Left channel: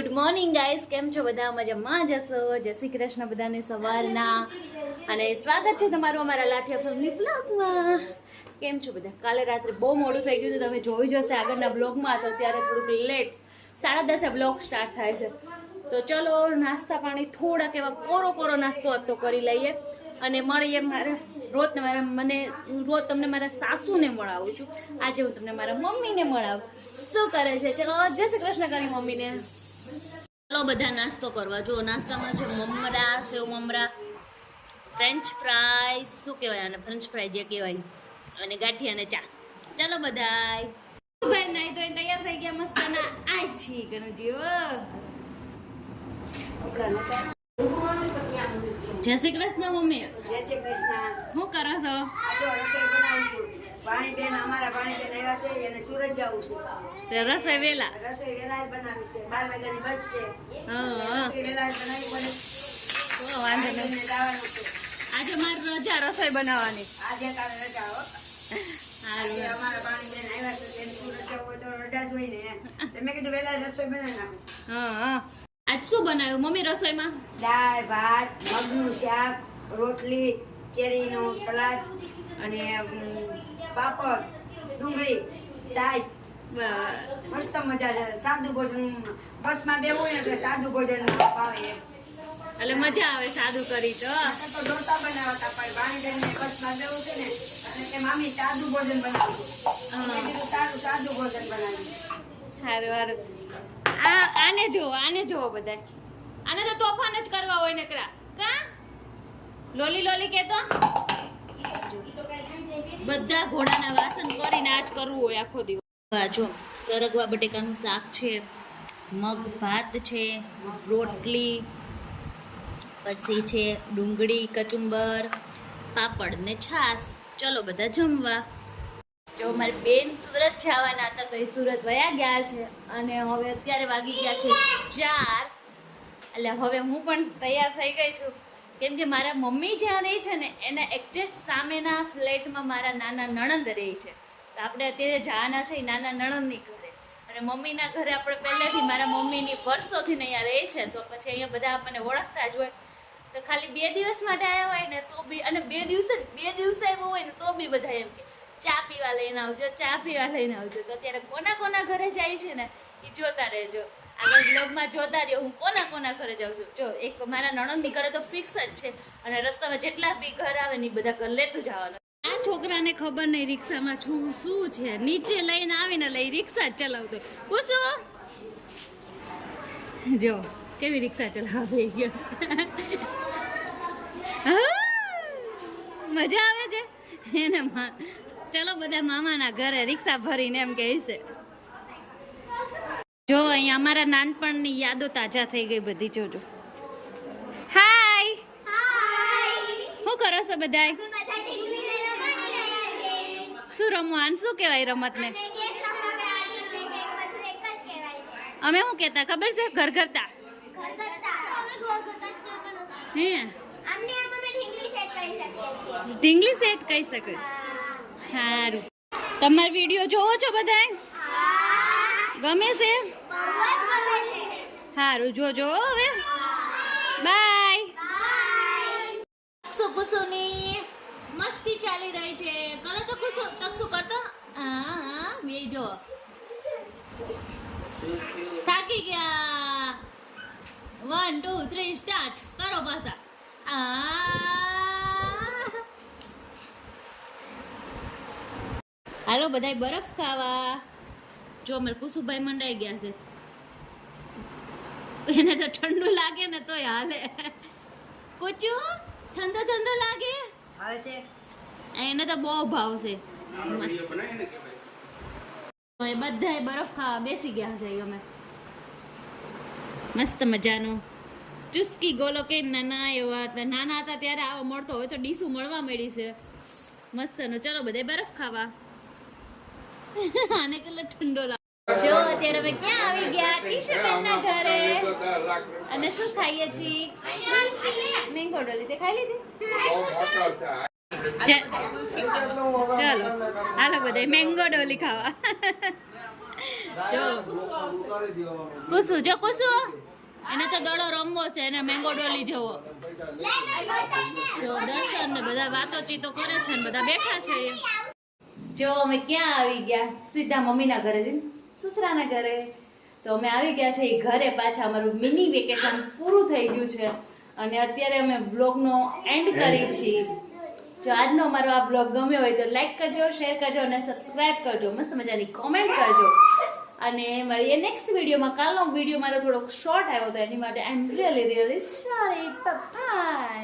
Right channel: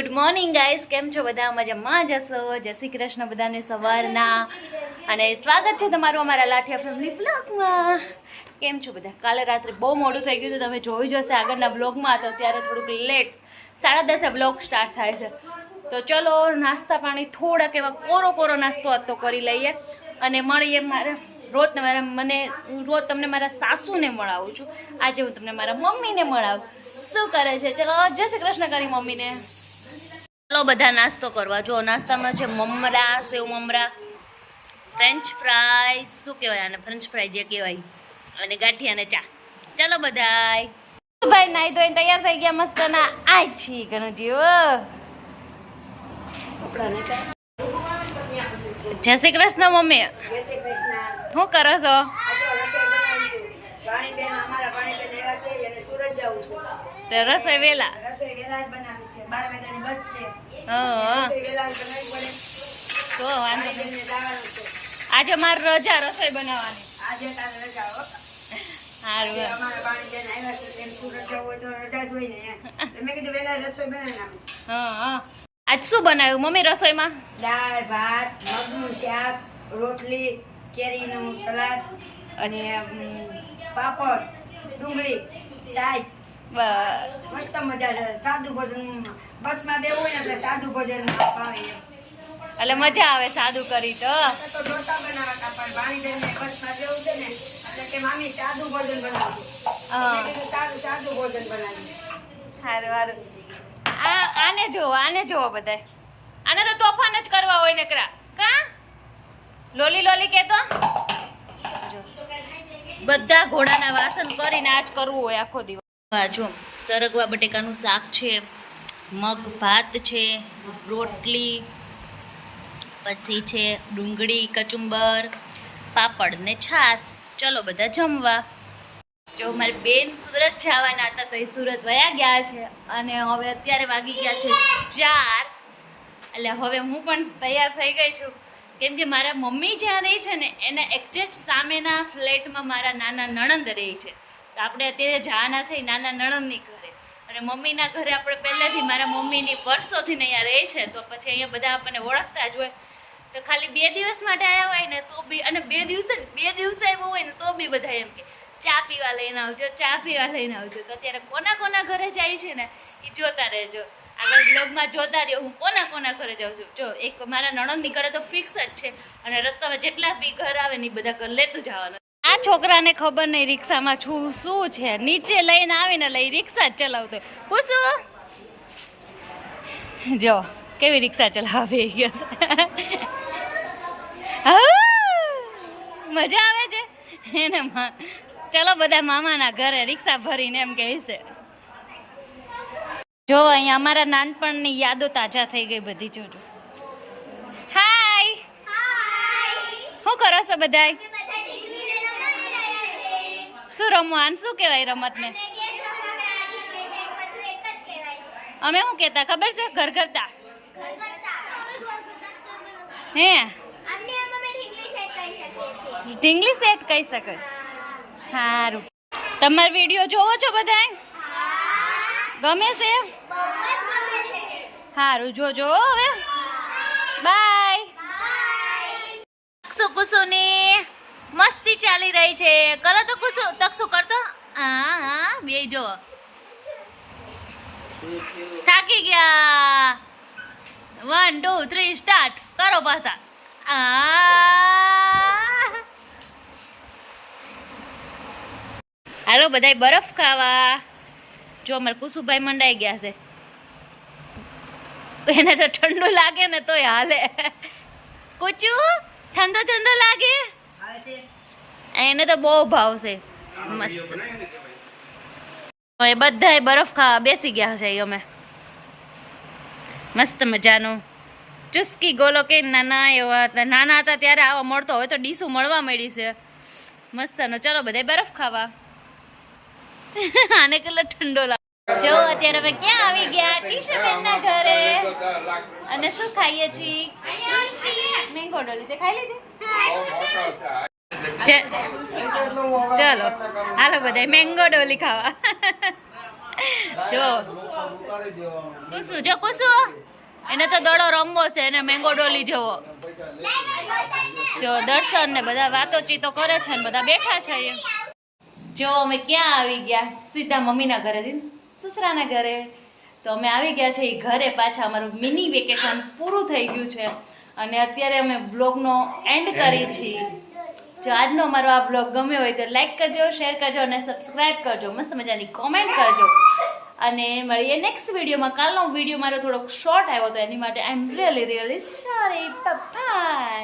Good morning guys, કેમ છો બધા? મજામાં જશો? જય શ્રી કૃષ્ણ બધાને સવારના, અને સ્વાગત છે તમારું અમારા લાઠિયા ફેમિલી વ્લોગમાં. કેમ છો બધા? કાલે રાત્રે બહુ મોડું થઈ ગયું હતું, તમે જોઈ જશે આગળના બ્લોગમાં. તો ત્યારે થોડુંક લેટ 10:30 બ્લોગ સ્ટાર્ટ થાય છે. તો ચલો નાસ્તા પાણી થોડાક એવા કોરો નાસ્તો હતો કરી લઈએ અને મળીએ. મારે રોજ તમને મારા સાસુને મળાવું છું. આજે હું તમને મારા મમ્મીને મળાવું. શું કરે છે? ચલો જય શ્રી કૃષ્ણ કરી મમ્મીને. ચલો બધા નાસ્તો કરવા. જો નાસ્તામાં છે મમરા, સેવ મમરા, ફ્રેન્ચ ફ્રાઈઝ, શું કહેવાય આને, ફ્રેન્ચ ફ્રાઈઝ જે કહેવાય, અને ગાંઠિયા અને ચા. ચાલો બધાય. ભાઈ નાઈ ધોઈને તૈયાર થઈ ગયા મસ્ત ના. આ છી ગણજી જય શ્રી કૃષ્ણ મમ્મી. શું કરો છો? રસોઈ વેલા. તો વાંધો નહીં. આજે મારી રજા રસોઈ બનાવવાની. આજ શું બનાવ્યું મમ્મી રસોઈમાં? દાળ ભાત, મગનું શાક, રોટલી, કેરીનું સલાડ અને પાપડ, ડુંગળી, છાશ. મસ્ત મજા છે. સાદું ભોજન બસમાં બેવું હોય ને એટલે સાદું ભોજન ભાવે એમ. એટલે મજા આવે સાદું કરી તો. ઢોસા બનાવતા પણ ભાણી બસમાં બેવું છે ને એટલે કે મામી સાદું ભોજન બનાવવું. સાદું ભોજન બનાવ્યું. સારું. આને જોવો બધાય. આને તો તોફાન જ કરવા હોય ને કરા કા લોલી કેતો. જો બધા ઘોડાના વાસણ કરીને આજ કરવું હોય આખો દિવસ. જો સરગવા બટેકાનું શાક છે, મગ ભાત છે, રોટલી, પછી છે ડુંગળી, કચુંબર, પાપડ ને છાશ. ચલો બધા જમવા. જો મારી બેન સુરત જવાના હતા તો એ સુરત વયા ગયા છે, અને હવે અત્યારે વાગી ગયા છે 4. એટલે હવે હું પણ તૈયાર થઈ ગઈ છું, કેમ કે મારા મમ્મી જ્યાં રહી છે ને એના એક્ઝેક્ટ સામેના ફ્લેટમાં મારા નાના નણંદ રહે છે. તો આપણે અત્યારે જવાના છે નાના નણંદની ઘરે, અને મમ્મીના ઘરે આપણે પહેલેથી મારા મમ્મીની વર્ષોથી અહીંયા રહે છે. તો પછી અહીંયા બધા આપણને ઓળખતા જ હોય. તો ખાલી 2 દિવસ માટે આવ્યા હોય ને તો બી, અને 2 દિવસે આવ્યો હોય ને તો બી બધા એમ કે ચા પીવા લઈને આવજો. તો અત્યારે કોના ઘરે જાય છે ને એ જોતા રહેજો. આગળ બ્લોગમાં જોતા રહ્યો હું કોના ઘરે જાઉં છું. જો એક મારા નણંદની ઘરે તો ફિક્સ જ છે, અને રસ્તામાં જેટલા બી ઘર આવે ને એ બધા ઘર લેતું જવાનું. આ છોકરાને ખબર નહીં રિક્ષામાં શું છે, નીચે લઈને આવીને લઈ રિક્ષા જ ચલાવતો. કુસુ જો કેવી રિક્ષા ચલાવે ગયા છે. મજા આવે છે એને. ચલો બધા મામાના ઘરે રિક્ષા ભરીને એમ કહે છે. જો અહીંયા અમારા નાનપણની યાદો તાજા થઈ ગઈ બધી. જોજો. હાય, શું કરો છો બધાય? શું રમવાનું? શું કહેવાય રમતને? અમે શું કહેતા ખબર છે? ઘરઘરતા. હે ઢીંગલી સેટ કહી શકે. સારું. તમારો વિડીયો જોવો છો બધાય? ગમે છે? સારું, જોજો હવે. બાય. કુસુની મસ્તી ચાલી રહી છે. કરો તો કુસુ, તકસુ કરતો. હા બે જો થાકી ગયા. 1 2 3 સ્ટાર્ટ કરો પાછા. હાલો બધાય બરફ ખાવા. જો અમારે કુસુભાઈ મંડાઈ ગયા છે. એને તો ઠંડુ લાગે ને તોય હાલે. કુચુ ઠંડો લાગે? એને તો બહુ ભાવશે. મસ્ત. હવે બધાય બરફ ખાવા બેસી ગયા છે. અમે મસ્ત મજાનું ચુસ્કી ગોલો કે નાના હતા ત્યારે આવા મળતો હોય તો ડીશું મળવા મળી છે મસ્તનો. ચલો બધાય બરફ ખાવા. આને કેટલો ઠંડો લાગે. જો અત્યારે અમે ક્યાં આવી ગયા? ટીશુબેનના ઘરે. અને શું ખાઈએ છીએ? મેંગો ડોલી. તે ખાઈ લીધી? ચલો હાલો બધા મેંગો ડોલી ખાવા. જો કુસુ જો કુસુ એને તો દડો રમવો છે એને મેંગો ડોલી જવો જો દર્શન ને બધા વાતોચીતો કરે છે ને બધા બેઠા છે એ જો અમે ક્યાં આવી ગયા સીધા મમ્મીના ઘરે સસરાના ઘરે તો અમે આવી ગયા છે એ ઘરે પાછા અમારું મિની વેકેશન પૂરું થઈ ગયું છે અને અત્યારે અમે વ્લોગનો એન્ડ કરી છીએ જો આજનો અમારો આ બ્લોગ ગમ્યો હોય તો લાઈક કરજો શેર કરજો અને સબસ્ક્રાઇબ કરજો મસ્ત મજાની કોમેન્ટ કરજો અને મળીએ નેક્સ્ટ વિડીયોમાં કાલનો વિડીયો મારો થોડોક શોર્ટ આવ્યો હતો એની માટે આઈ એમ રિયલી સોરી બાય